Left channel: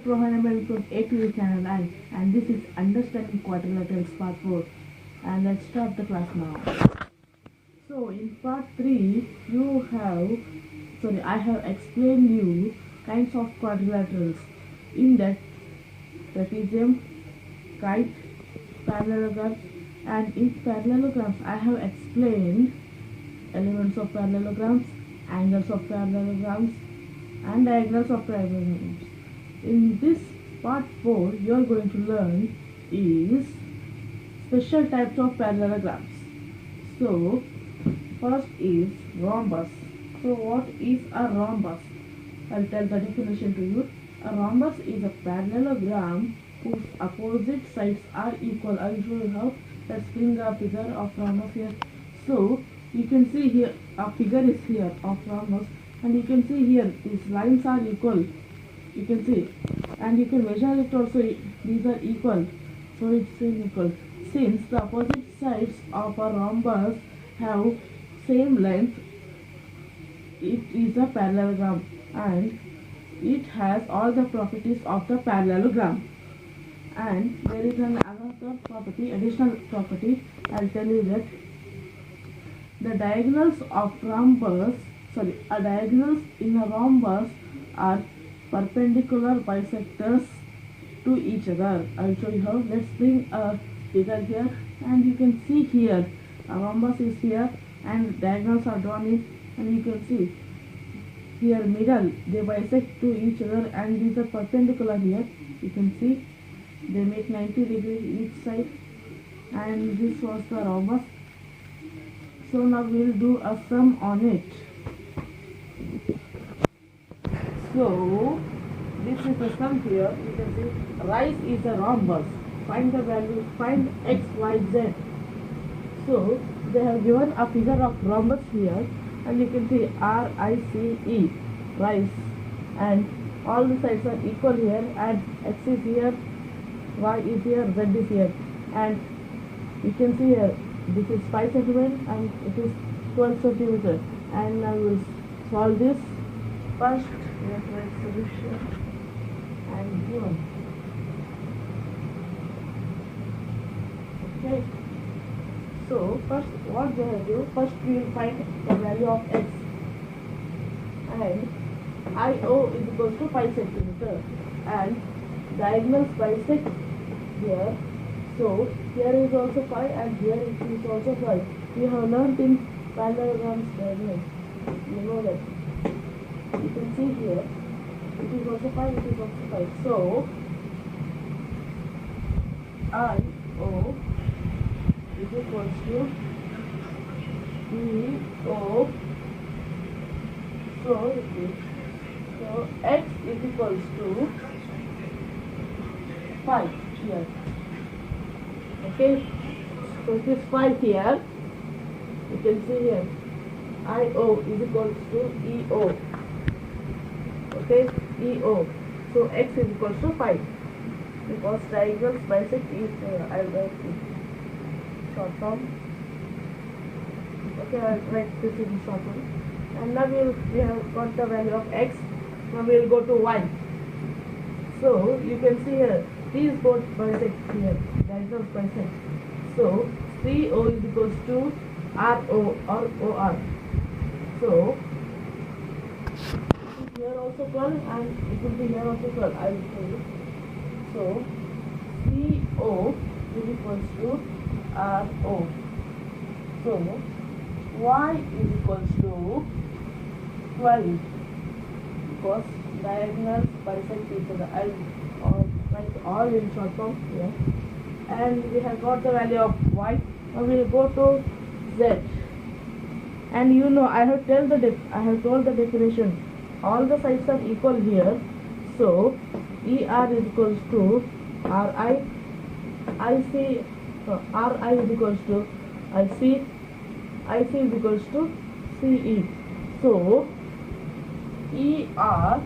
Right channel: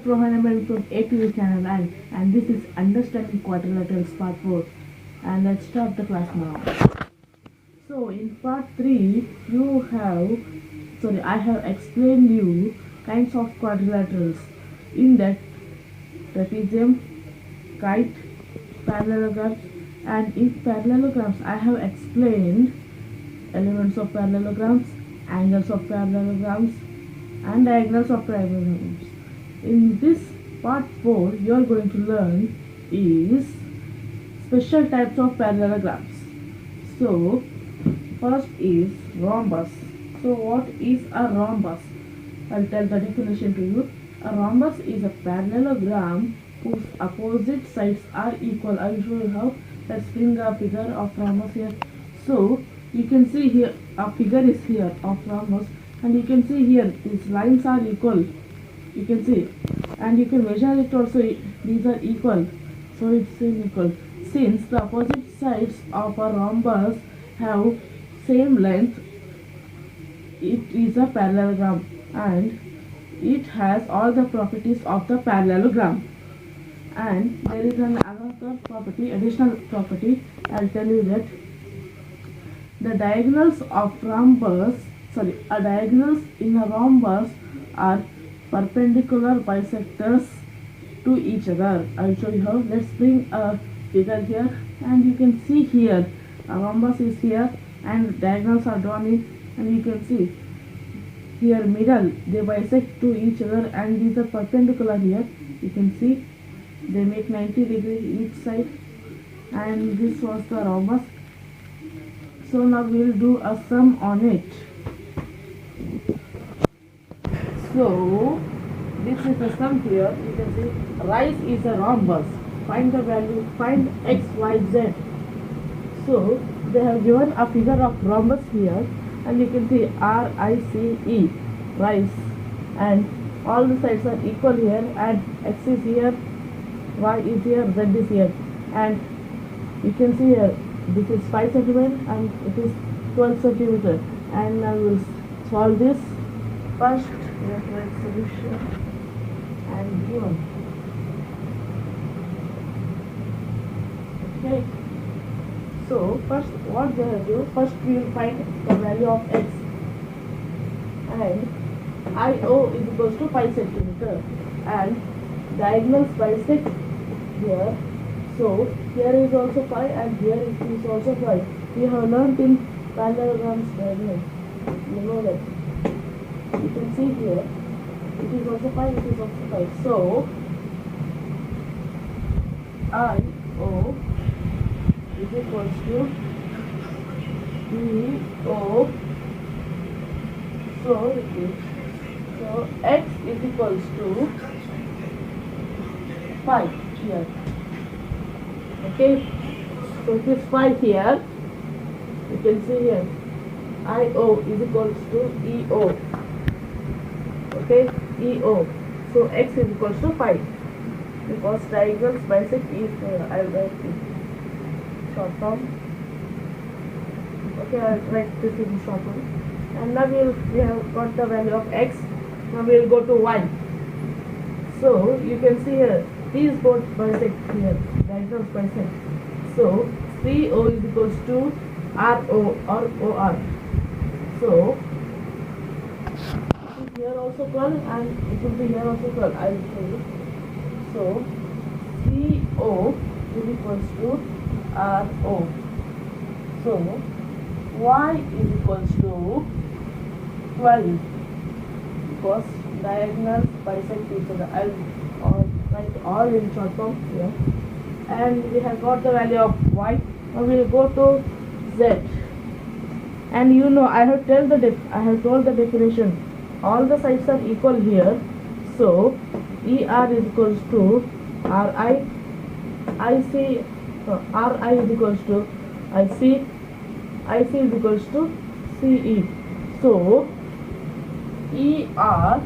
From ATV Channel, and this is Understanding Quadrilaterals Part 4, and let's start the class now. So in Part 3 I have explained you kinds of quadrilaterals in that trapezium, kite, parallelograms, and in parallelograms I have explained elements of parallelograms, angles of parallelograms, and diagonals of parallelograms. In this part 4 you are going to learn is special types of parallelograms. So first is rhombus. So what is a rhombus? I'll tell the definition to you. A rhombus is a parallelogram whose opposite sides are equal. I'll show you how. Let's bring a figure of rhombus here. So you can see here a figure is here of rhombus, and you can see here these lines are equal. You can see, and you can measure it also. These are equal, so it's equal. Since the opposite sides of a rhombus have same length, it is a parallelogram, and it has all the properties of the parallelogram. And there is another property, additional property. I'll tell you that the diagonals of rhombus, diagonals in a rhombus are perpendicular bisectors to each other. I'll show you how. Let's bring a figure here, and you can see here a rhombus is here and diagonals are drawn in, and you can see here middle they bisect to each other, and these are perpendicular here. You can see they make 90 degrees each side, and this was the rhombus. So now we will do a sum on it. So this is the sum here. You can see rise is a rhombus. Find the value, find x, y, z. So they have given a figure of rhombus here, and you can see R, I, C, E, rise, and all the sides are equal here, and x is here, y is here, z is here, and you can see here this is 5 centimeter and it is 12 centimeter. And now we will solve this. First we have to write solution and given. Okay. So first what we have to do, first we will find the value of x, and IO is equals to 5 centimeter, and diagonals bisect here. So here is also 5 and here is also 5. We have learned in parallelograms diagonal. You know that. You can see here it is also 5, it is also 5. So IO is equals to EO. So x is equals to 5 here. Okay, so it is 5 here. You can see here IO is equals to EO. Okay, EO. So x is equals to 5 because diagonals bisect is I'll write it short form. Okay, I'll write this in short form. And now we have got the value of x. Now we will go to y. So you can see here these both bisect here, diagonals bisect. So CO is equals to RO or OR. So it is here also curl, and it will be here also curl. I will show you. So CO is equals to RO. So y is equals to 12 because diagonals bisect each other. I'll write all in short form here, and we have got the value of y. Now we will go to z, and you know I have told the definition. All the sides are equal here, so ER is equals to RI, IC, RI is equals to IC, IC is equals to CE. So ER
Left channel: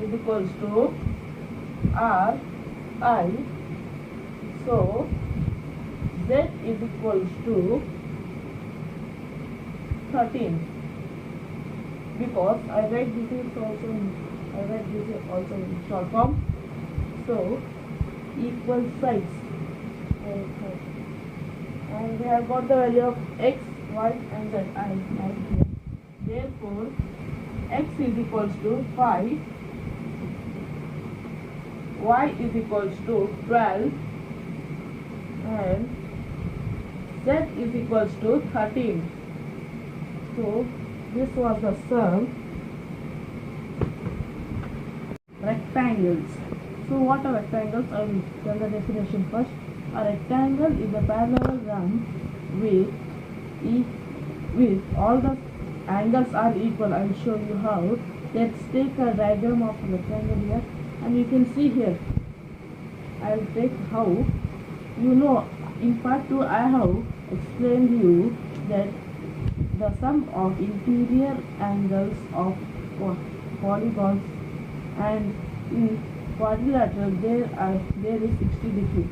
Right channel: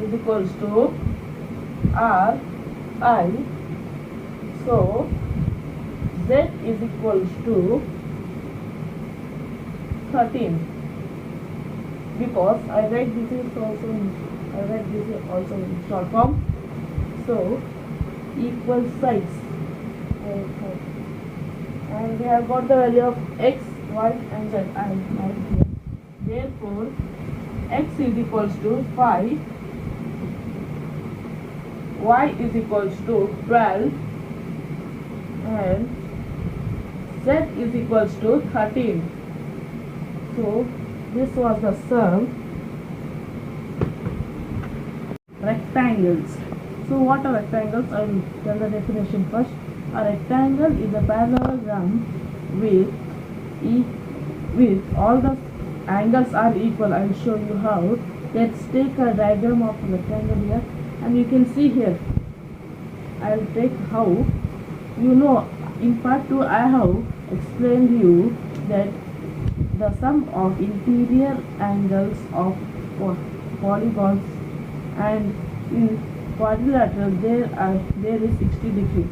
is equals to RI. So Z is equals to 13. because I write this also in short form. So equal sides, and we have got the value of x, y and z. I write here. Therefore x is equals to 5, y is equals to 12, and z is equals to 13. So this was the sum rectangles. So what are rectangles? I will tell the definition first. A rectangle is a parallelogram with all the angles are equal. I will show you how. Let's take a diagram of a rectangle here, and you can see here. I will take how. You know, in part 2 I have explained you that the sum of interior angles of polygons, and in quadrilateral there is 60 degrees.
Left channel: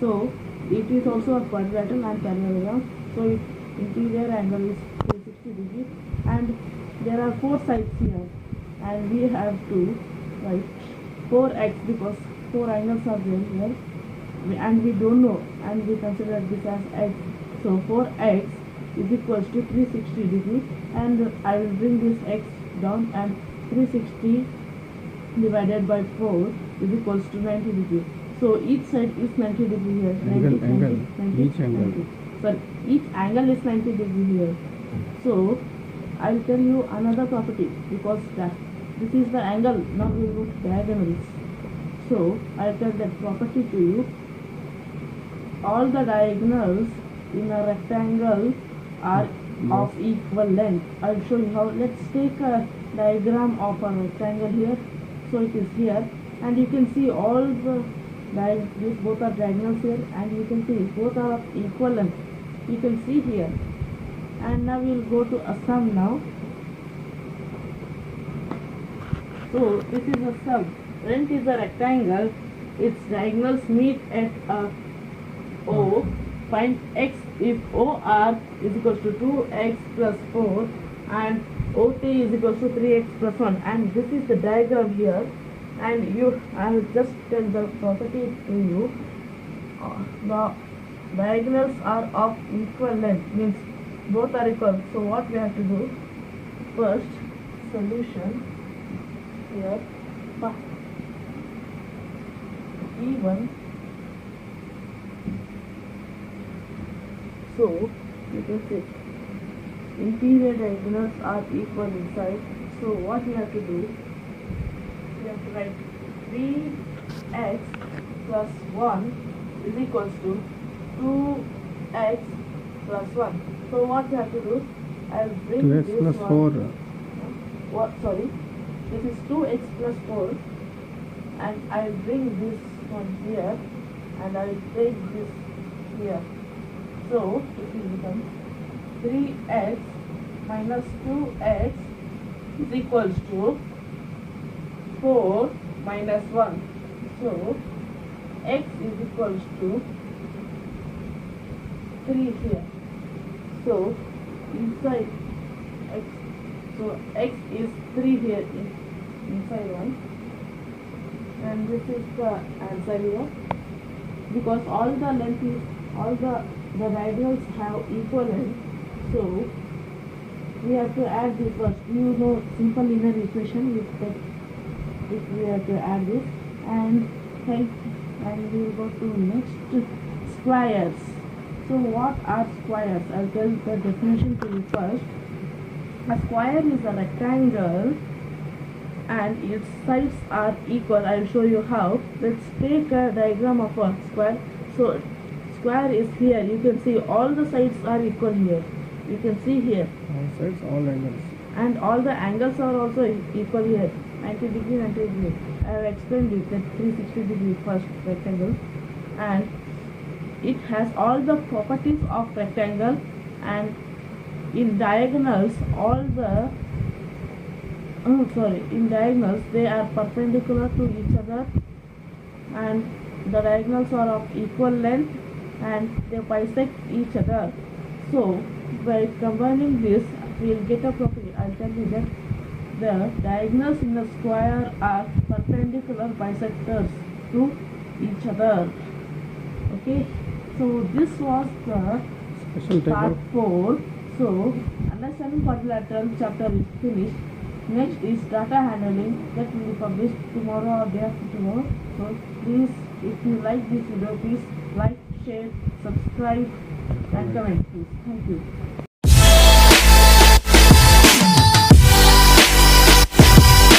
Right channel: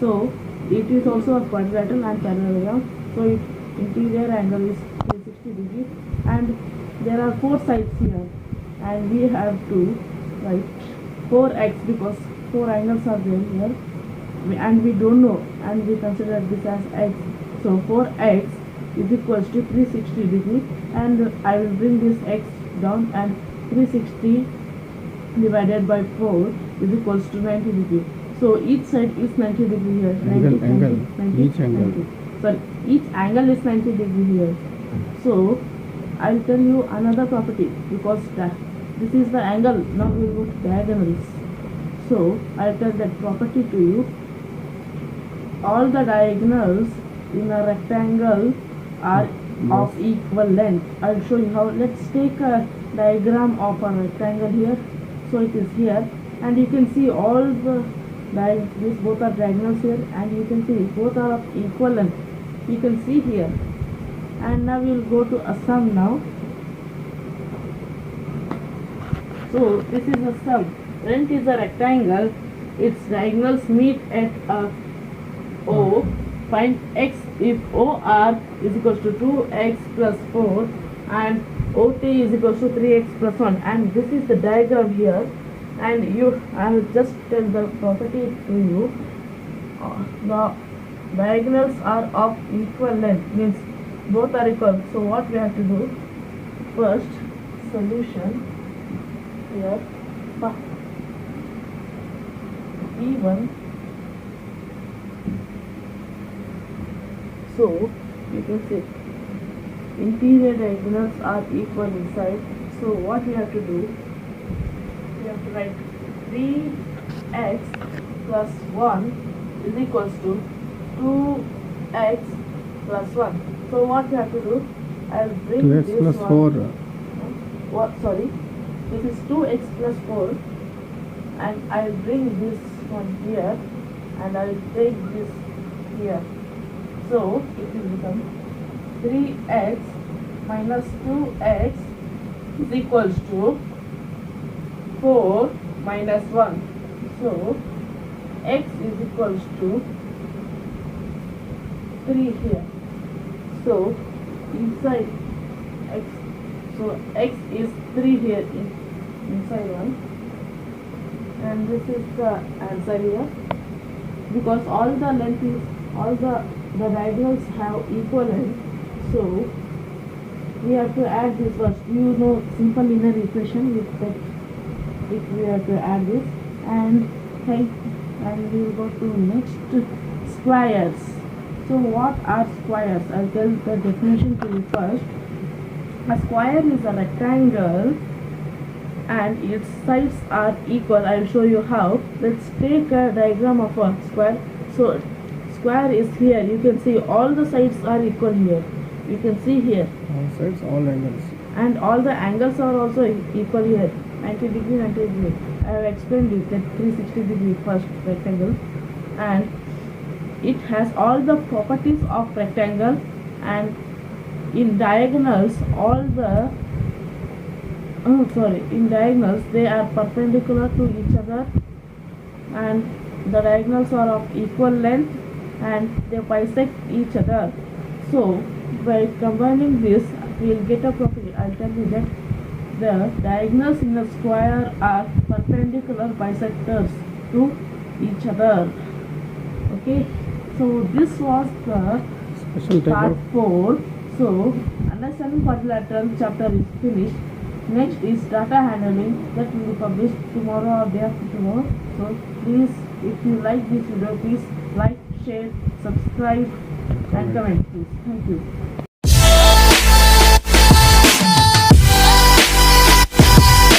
So it is also a quadrilateral and parallelogram. So interior angle is 360 degrees, and there are 4 sides here, and we have to write 4x because 4 angles are there here, and we don't know, and we consider this as x. So 4x is equals to 360 degrees, and I will bring this x down, and 360 divided by 4 is equals to 90 degrees. So each side is 90 degree here. 90, 90, 90, each angle. 90. Sorry, each angle is 90 degree here. So I'll tell you another property, because this is the angle. Now we will go to diagonals. So I'll tell that property to you. All the diagonals in a rectangle are of equal length. I'll show you how. Let's take a diagram of a rectangle here. So it is here, and you can see all the these both are diagonals here, and you can see both are of equal length. You can see here. And now we will go to a sum now. So this is a sum. When it is a rectangle, its diagonals meet at a O. Find x if OR is equals to 2x plus 4 and OT is equals to 3x plus 1, and this is the diagram here. And I will just tell the property to you. The diagonals are of equal length, means both are equal. So what we have to do? First, solution here. E1. So you can see interior diagonals are equal inside. So what we have to do? We have to write 3x plus 1 is equals to 2x plus 1. So what we have to do? I'll bring 2x this plus one. 4. What? Sorry. This is 2x plus 4, and I'll bring this one here, and I'll take this here. So it will become 3x minus 2x is equals to 4 minus 1. So x is equals to 3 here. So inside x, so x is 3 here inside one, and this is the answer here, because all the length is the diagonals have equal length. So we have to add this first. You know simple linear equation with that, if we have to add this, and we will go to next, squares. So what are squares? I'll tell the definition to you first. A square is a rectangle and its sides are equal. I will show you how. Let's take a diagram of a square. So square is here. You can see all the sides are equal here. You can see here. All sides, all angles. And all the angles are also equal here. 90 degree, 90 degree. I have explained it that 360 degree first rectangle, and it has all the properties of rectangle, and in diagonals in diagonals they are perpendicular to each other, and the diagonals are of equal length, and they bisect each other. So by combining this we will get a property. I'll tell you that The diagonals in a square are perpendicular bisectors to each other. Okay, so this was the Special type part of 4. So understanding quadrilateral chapter is finished. Next is data handling, that will be published tomorrow or day after tomorrow. So please, if you like this video, please like, share, subscribe and comment please. Thank you.